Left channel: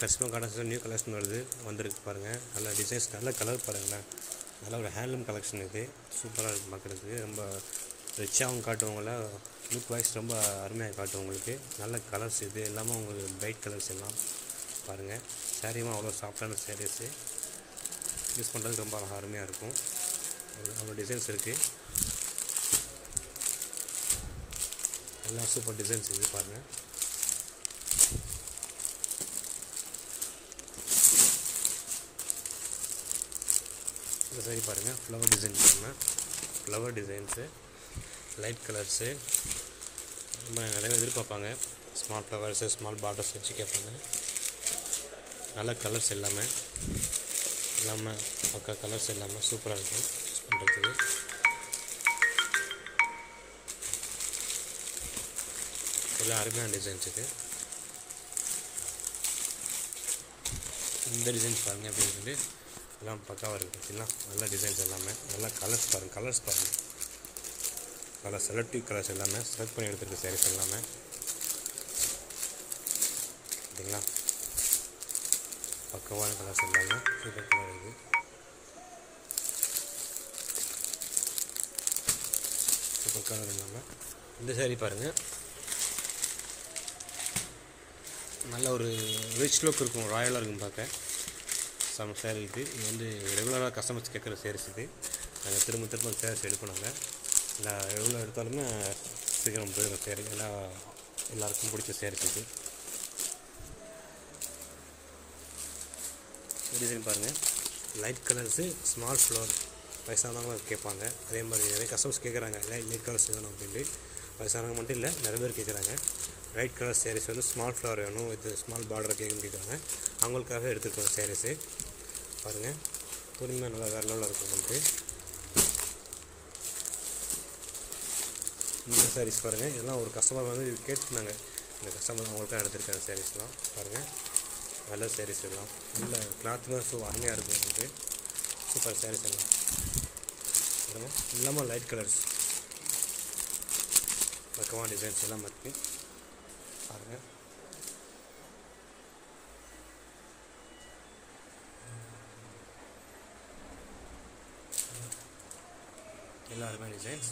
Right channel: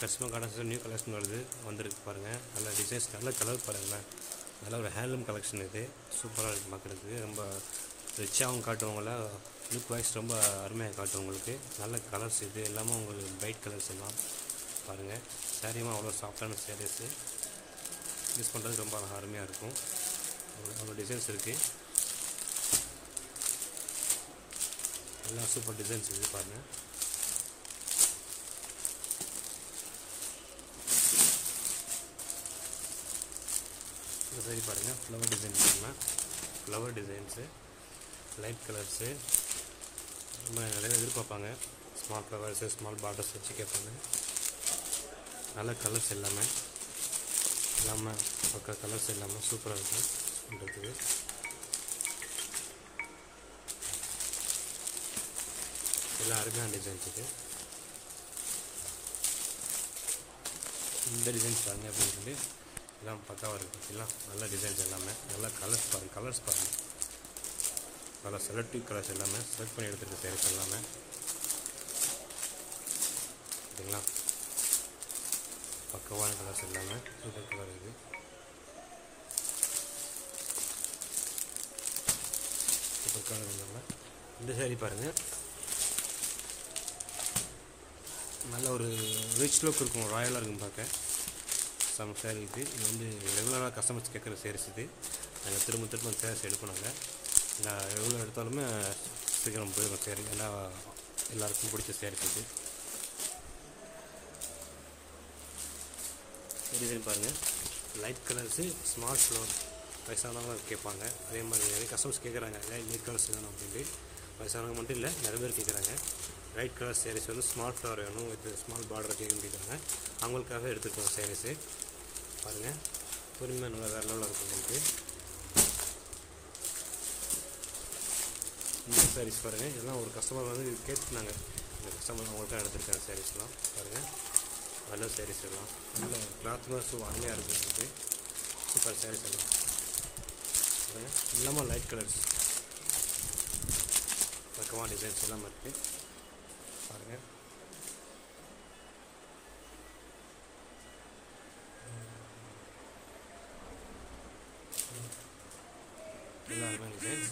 Customer garden new collection வந்திருக்கு பாருங்கள். நல்ல டிசைன்ஸ், நல்ல கலர் பாருங்களேன். நல்ல ஒரு ஹேண்ட்லூம் கலெக்ஷன் இது. சூப்பராக இருக்குது பார்க்குறதுக்கு. ரொம்ப ரிச்சாகவும் காட்டுவங்கள, லுக் வைஸ் ரொம்ப அருமையாக காட்டும் உங்களுக்கு. நல்ல கலர்ஸ் இது எல்லாமே உங்களுக்கு பிரைட் கலர்ஸ் எல்லாம் பாருங்கள். சாரியுமா அவ்வளோ சாஃப்டான சாரீஸு, யூஸ் பண்ணுறதுக்கு ரொம்ப அருமையாக இருக்கும். அவ்வளோ டிசைன்ஸ் இருக்குது. எல்லாம் சூப்பர் டிசைன்ஸ் இது பாருங்கள். இந்த சாரி பாருங்கள். ஃப்ளவர் டிசைன் பாருங்கள். ஃப்ளவர் டிசைன்ஸு, லைட் கலர்ஸு ரொம்ப நிறைய எதிர்பார்ப்பாங்க. ஸ்மால் ஃப்ளவர்ஸு, ஸ்மால் பார்டர்ஸ் வச்சு கேட்பாங்க. நல்ல கலர்ஸ் எல்லாமே பக்கா கலர்ஸ் எல்லாமே சூப்பராக இருக்கும் யூஸ் பண்ணுறதுக்கு. எல்லாம் அருமையான டிசைன்ஸ் இது. இந்த டிசைன்ஸ் பாருங்கள் எப்படி இருக்குது. எல்லாம் பக்காவாக இருக்குது. எல்லாம் நல்ல டிசைன்ஸ் எல்லாமே. நல்லா கலர்ஸ் பாருங்கள். கலர்ஸ் பாருங்கள். நல்லா செலக்டிவ் கலர்ஸ் எல்லாமே செலக்ட் பண்ணி எடுத்துருக்க சாரீஸ் எல்லாமே. சரிங்களா, பக்கவான கலர்ஸ் எல்லாமே சூப்பர் கலர் இருக்குது. சூப்பர் கலர் எல்லாமே. இந்த சாரீ பாருங்கள். நல்ல ஒரு ரிச் லுக் இருக்கும், ராயலாக இருக்கும் பார்க்க. சம் சாரீ இது. இது ரெகுலராக கஸ்டமர்ஸ் கேட்குற சாரீஸ் இது. நாங்கள் திரும்ப சாரீஸ் எடுப்போம். நாங்கள் எவ்வளோ எடுத்தாலுமே சீக்கிரம் போயிடும் சாரீ. எல்லாருக்கும் பிடிச்ச சாரீஸ் இது. டிசைன் பாருங்கள். Light colours, small flower. வயசானவங்களும் கேட்பாங்க. அதே மாதிரி நிறைய கஸ்டமர்ஸ் கேட்குறாங்க லைட் கலர்ஸ் வேணும் அப்படின்ட்டு. வயசானவங்க மட்டும் இல்லை, நிறைய பேர் கேட்குறாங்க. Light colour saris small flower வேணும், இது ஸ்மால் பார்டர் கேட்குன்னு கேட்குறாங்க. அவங்களுக்காக எடுத்துருக்கோம் சாரீஸு பாருங்கள். பொறுமையாக நல்லா வேறு லெவலில் இருக்கும் உங்களுக்கு. இந்த சாரீஸ் பாருங்கள். இதெல்லாம் ஒரு கஸ்டமர் கேட்டுனாங்க. இந்த கஸ்டமர் அவங்களுக்காக எடுத்துருக்காங்க சாரீஸ்லாம் பாருங்கள். நல்ல சாரீஸ் எல்லாம் நல்ல கிளாத்துலாம் அருமையாக இருக்கும் உங்களுக்கு. சூப்பர் சாரீஸ் எல்லாம் பாருங்கள். எல்லாமே லைட் கலர்ஸ், பக்கமான டிசைன்ஸ் எல்லாம் இருக்குது பாருங்கள். எல்லாருமே டிசைன்ஸ்